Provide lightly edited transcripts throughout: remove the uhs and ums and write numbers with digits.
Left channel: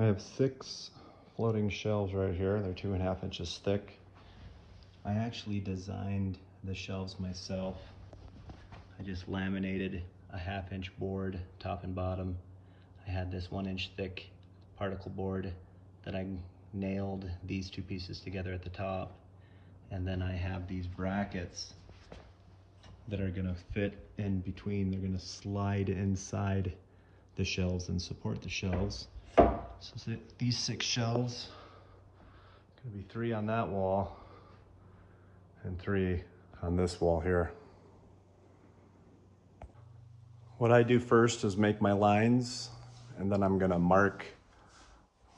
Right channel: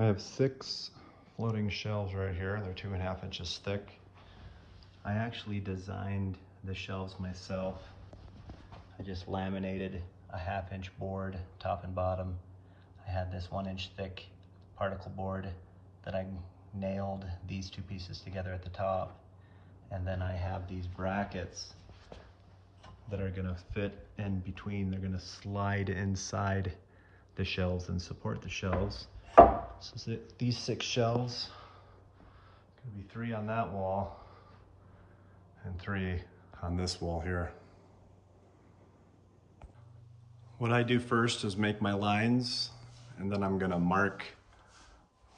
I have 6 floating shelves right here. They're 2.5 inches thick. I actually designed the shelves myself. I just laminated a 1/2 inch board, top and bottom. I had this 1 inch thick particle board that I nailed these 2 pieces together at the top. And then I have these brackets that are gonna fit in between. They're gonna slide inside the shelves and support the shelves. So these 6 shelves, gonna be 3 on that wall and 3 on this wall here. What I do first is make my lines, and then I'm gonna mark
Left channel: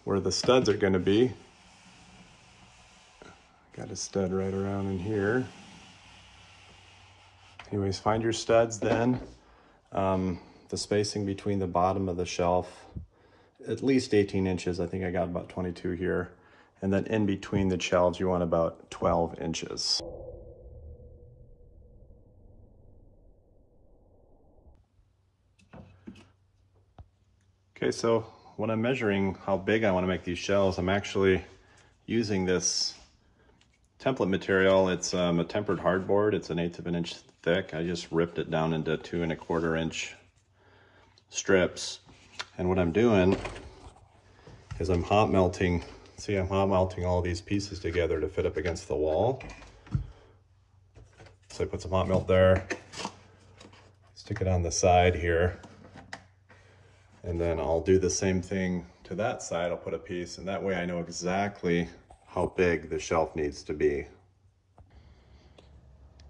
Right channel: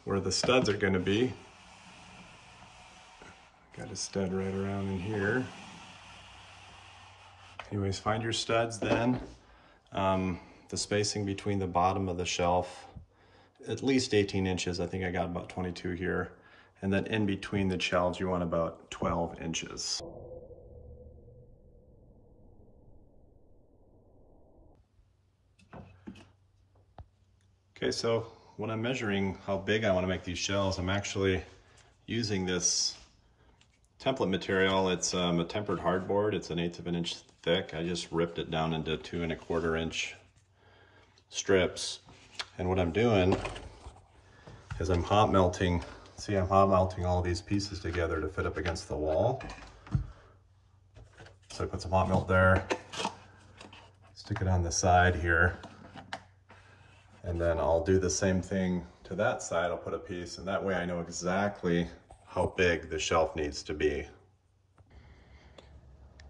where the studs are gonna be. Got a stud right around in here. Anyways, find your studs then. The spacing between the bottom of the shelf, at least 18 inches. I think I got about 22 here. And then in between the shelves, you want about 12 inches. Okay, so when I'm measuring how big I want to make these shelves, I'm actually using this template material. It's a tempered hardboard. It's 1/8 of an inch thick. I just ripped it down into 2¼ inch strips. And what I'm doing is I'm hot melting. See, I'm hot melting all these pieces together to fit up against the wall. So I put some hot melt there, stick it on the side here. And then I'll do the same thing to that side. I'll put a piece, and that way I know exactly how big the shelf needs to be.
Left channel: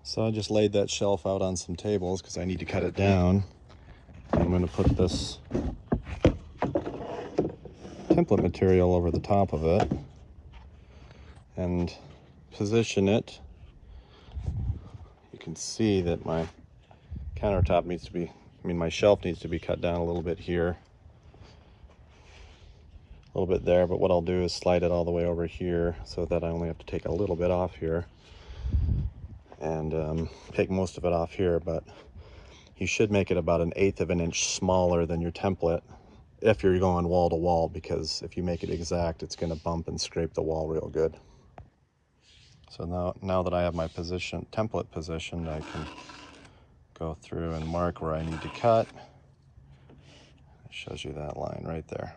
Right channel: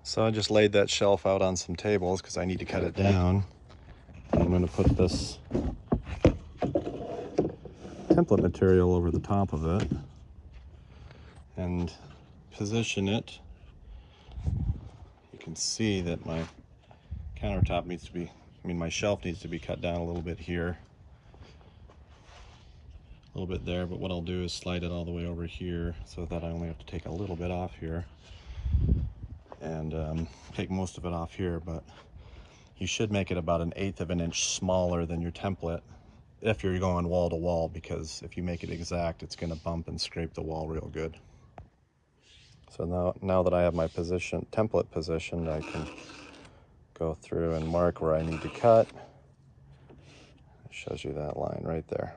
So I just laid that shelf out on some tables because I need to cut it down. I'm going to put this template material over the top of it and position it. You can see that my countertop needs to be, my shelf needs to be cut down a little bit here, a little bit there, but what I'll do is slide it all the way over here so that I only have to take a little bit off here and take most of it off here, but you should make it about 1/8 of an inch smaller than your template if you're going wall to wall, because if you make it exact, it's going to bump and scrape the wall real good. So now that I have my template positioned, I can go through and mark where I need to cut. It shows you that line right there.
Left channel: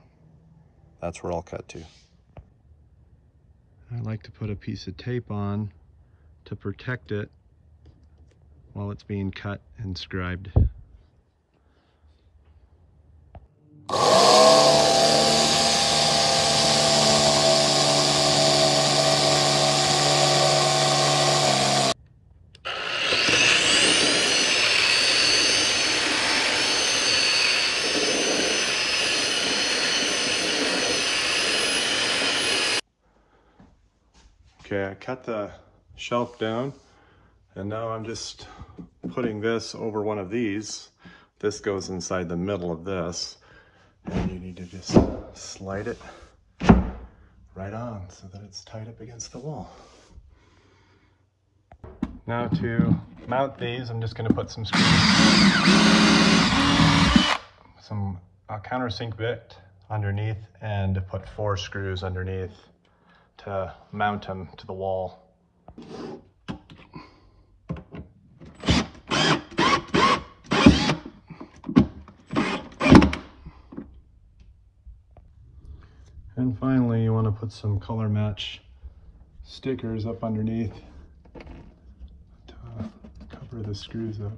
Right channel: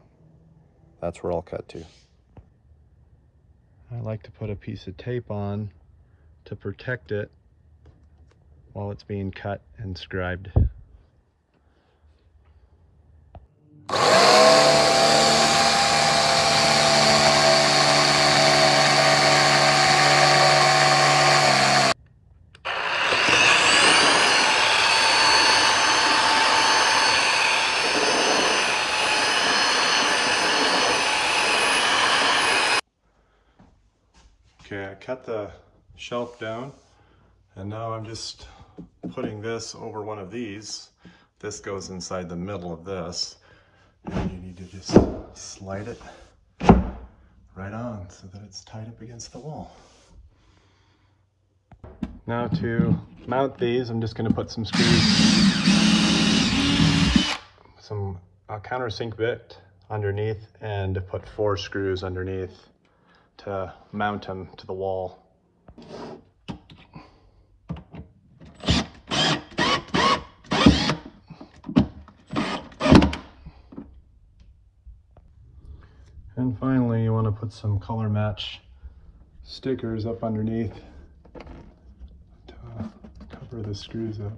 That's where I'll cut to. I like to put a piece of tape on to protect it while it's being cut and scribed. Okay, I cut the shelf down, and now I'm just putting this over one of these. This goes inside the middle of this, and you need to just slide it right on so that it's tied up against the wall. Now to mount these, I'm just going to put some screws, a countersink bit underneath, and put 4 screws underneath to mount them to the wall. And finally, you want to put some color match stickers up underneath to cover the screws up.